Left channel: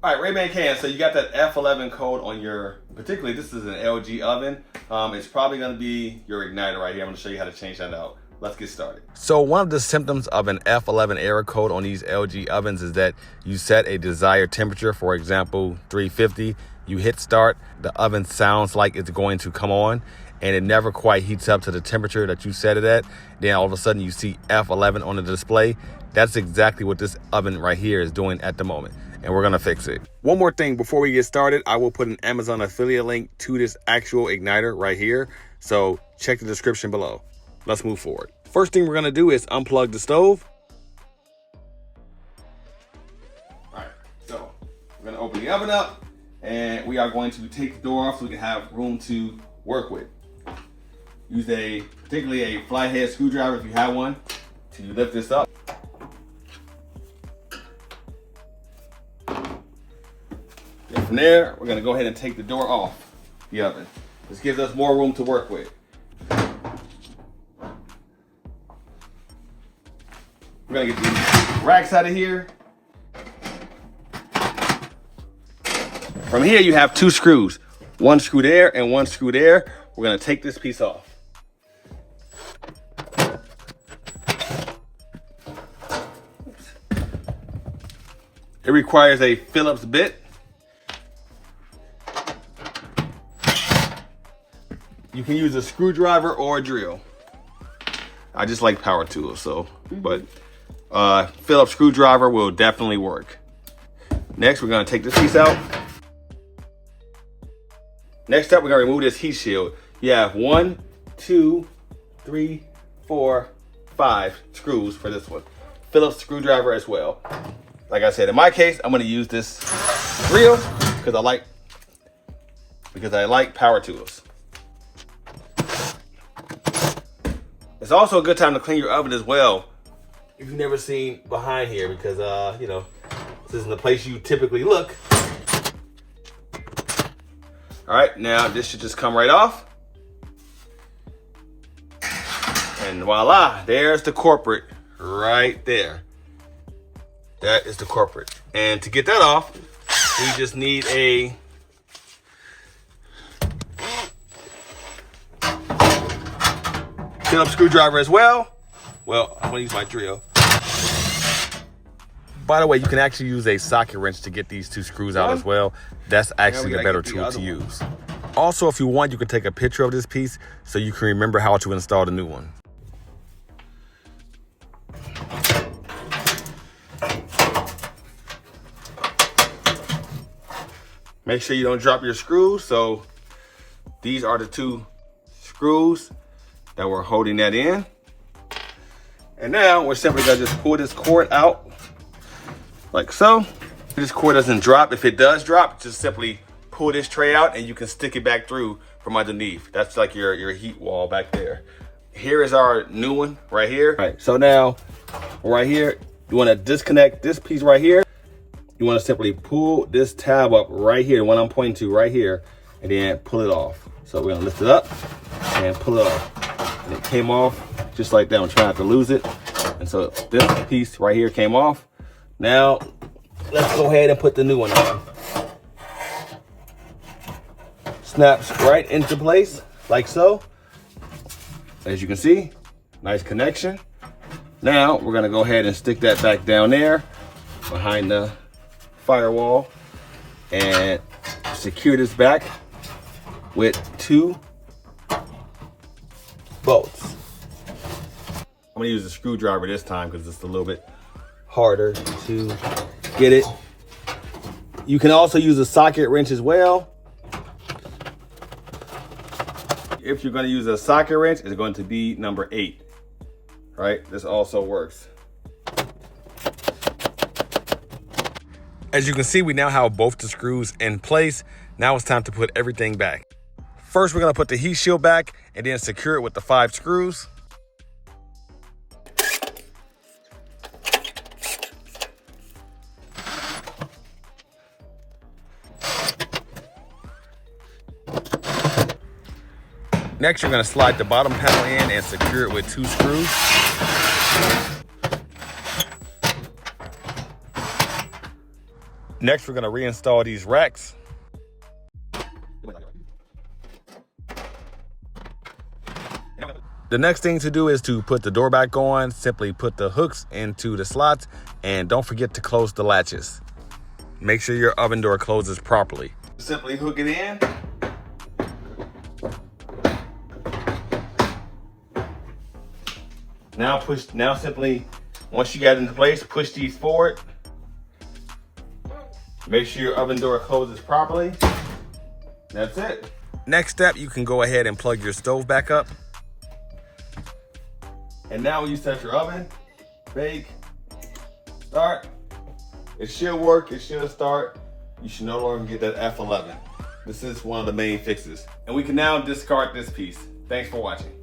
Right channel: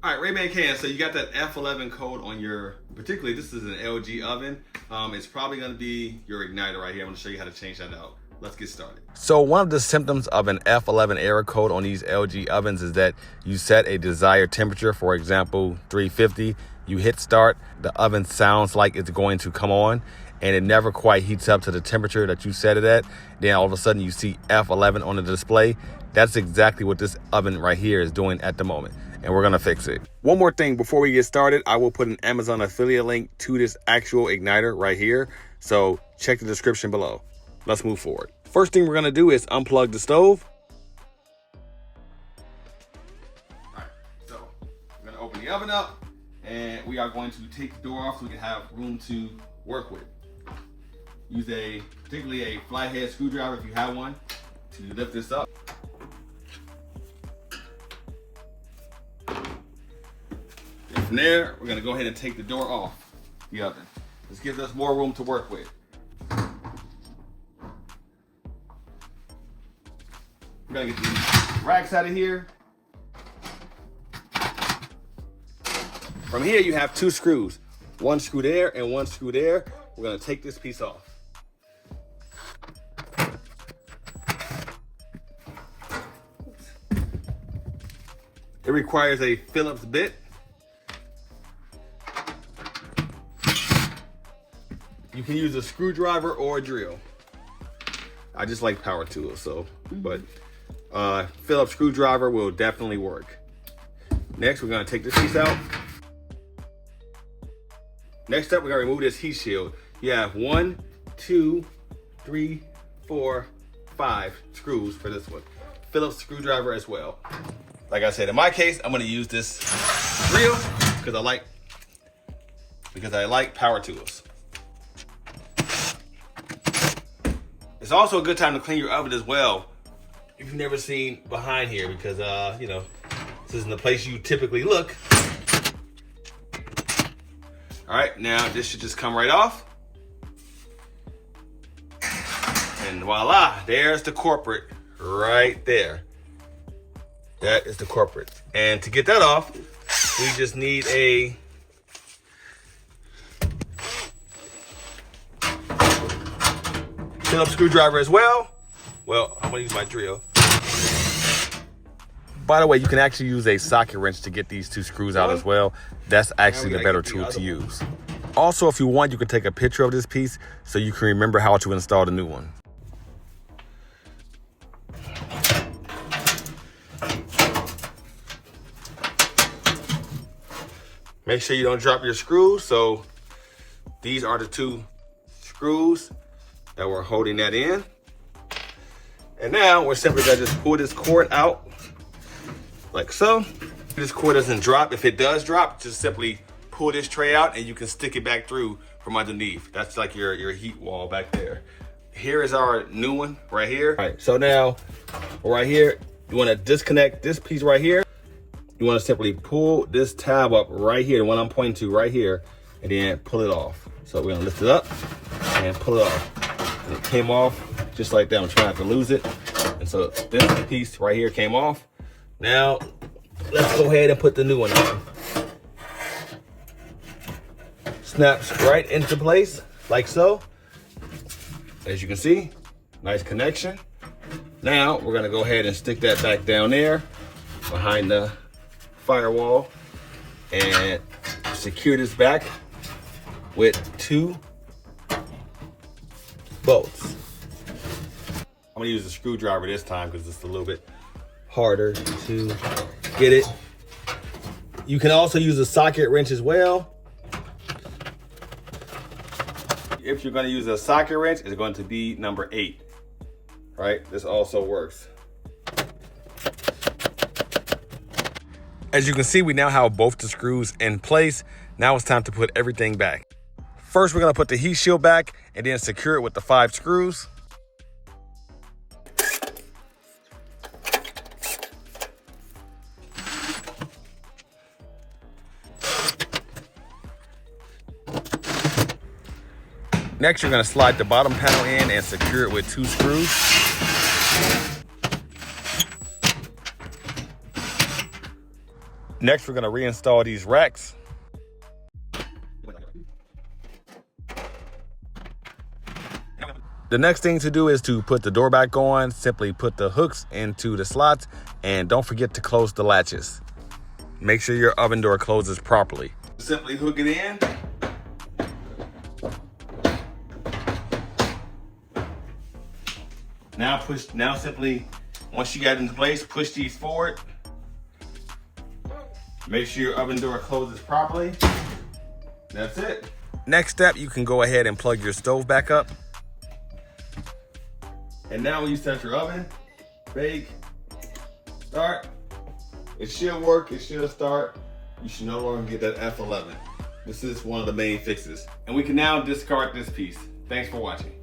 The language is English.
All right, Rayman can. So you got that F11 code on your, particularly this is an LG oven. It's probably gonna be your igniter right here. I'm gonna show you how to change that out. Let's get started. So one of the symptoms of an F11 error code on these LG ovens is that you set a desired temperature, for example, 350. You hit start, the oven sounds like it's going to come on, and it never quite heats up to the temperature that you set it at. Then all of a sudden you see F11 on the display. That's exactly what this oven right here is doing at the moment, and we're gonna fix it. One more thing before we get started, I will put an Amazon affiliate link to this actual igniter right here. So check the description below. Let's move forward. First thing we're gonna do is unplug the stove. All right, so we're gonna open the oven up and we are going to take the door off so we can have room to work with. Use particularly a flathead screwdriver if you have one to lift this up. And from there, we're gonna go ahead and take the door off the oven. This gives us more room to work with. We're gonna get these racks out of here. From here, you have two screws. One screw there and one screw there. We're gonna take this piece off. It requires a Phillips bit. You can use a screwdriver or a drill. I just like power tools, but Phillips screwdriver will definitely work. Next, we're gonna take this piece out. Next up, we're gonna remove this heat shield. You have 1, 2, 3, 4, 5 screws for this one. Phillips screwdriver as well. Like I said, in my case, I'm gonna use this drill because I like power tools. It's also a good time to clean your oven as well if you've never seen behind here, because this isn't the place you typically look. All right, now this should just come right off. And voila, there's the culprit right there. That is the culprit. And to get that off, we just need a Phillips screwdriver as well. Well, I'm gonna use my drill. By the way, you can actually use a socket wrench to get these two screws out as well. That's actually the better tool to use. Also, if you want, you can take a picture of this piece so you can remember how to install the new one. Make sure you don't drop your screws. So these are the two screws that we're holding that in. And now we're simply gonna just pull this cord out like so. If this cord doesn't drop, if it does drop, just simply pull this tray out and you can stick it back through from underneath. That's like your heat wall back there. Here is our new one right here. All right, so now right here, you wanna disconnect this piece right here. You wanna simply pull this tab up right here, the one I'm pointing to right here, and then pull it off. So we're gonna lift it up and pull it off. And it came off just like that. I'm trying not to lose it. And so this piece right here came off. Now, let's go ahead and put the new one on. Snaps right into place, like so. As you can see, nice connection. Now, we're gonna go ahead and stick that back down there behind the firewall and secure this back with 2 bolts. I'm gonna use a screwdriver this time because it's a little bit harder to get it. You can also use a socket wrench as well. If you're gonna use a socket wrench, it's going to be number 8, right? This also works. As you can see, we now have both the screws in place. Now it's time to put everything back. First, we're gonna put the heat shield back and then secure it with the 5 screws. Next, you're gonna slide the bottom panel in and secure it with 2 screws. Next, we're gonna reinstall these racks. The next thing to do is to put the door back on. Simply put the hooks into the slots and don't forget to close the latches. Make sure your oven door closes properly. Simply hook it in. Now simply, once you got it into place, push these forward. Make sure your oven door closes properly. That's it. Next step, you can go ahead and plug your stove back up. And now when you set your oven, bake, start, it should work, it should start. You should no longer get that F11. This is one of the main fixes. And we can now discard this piece. Thanks for watching.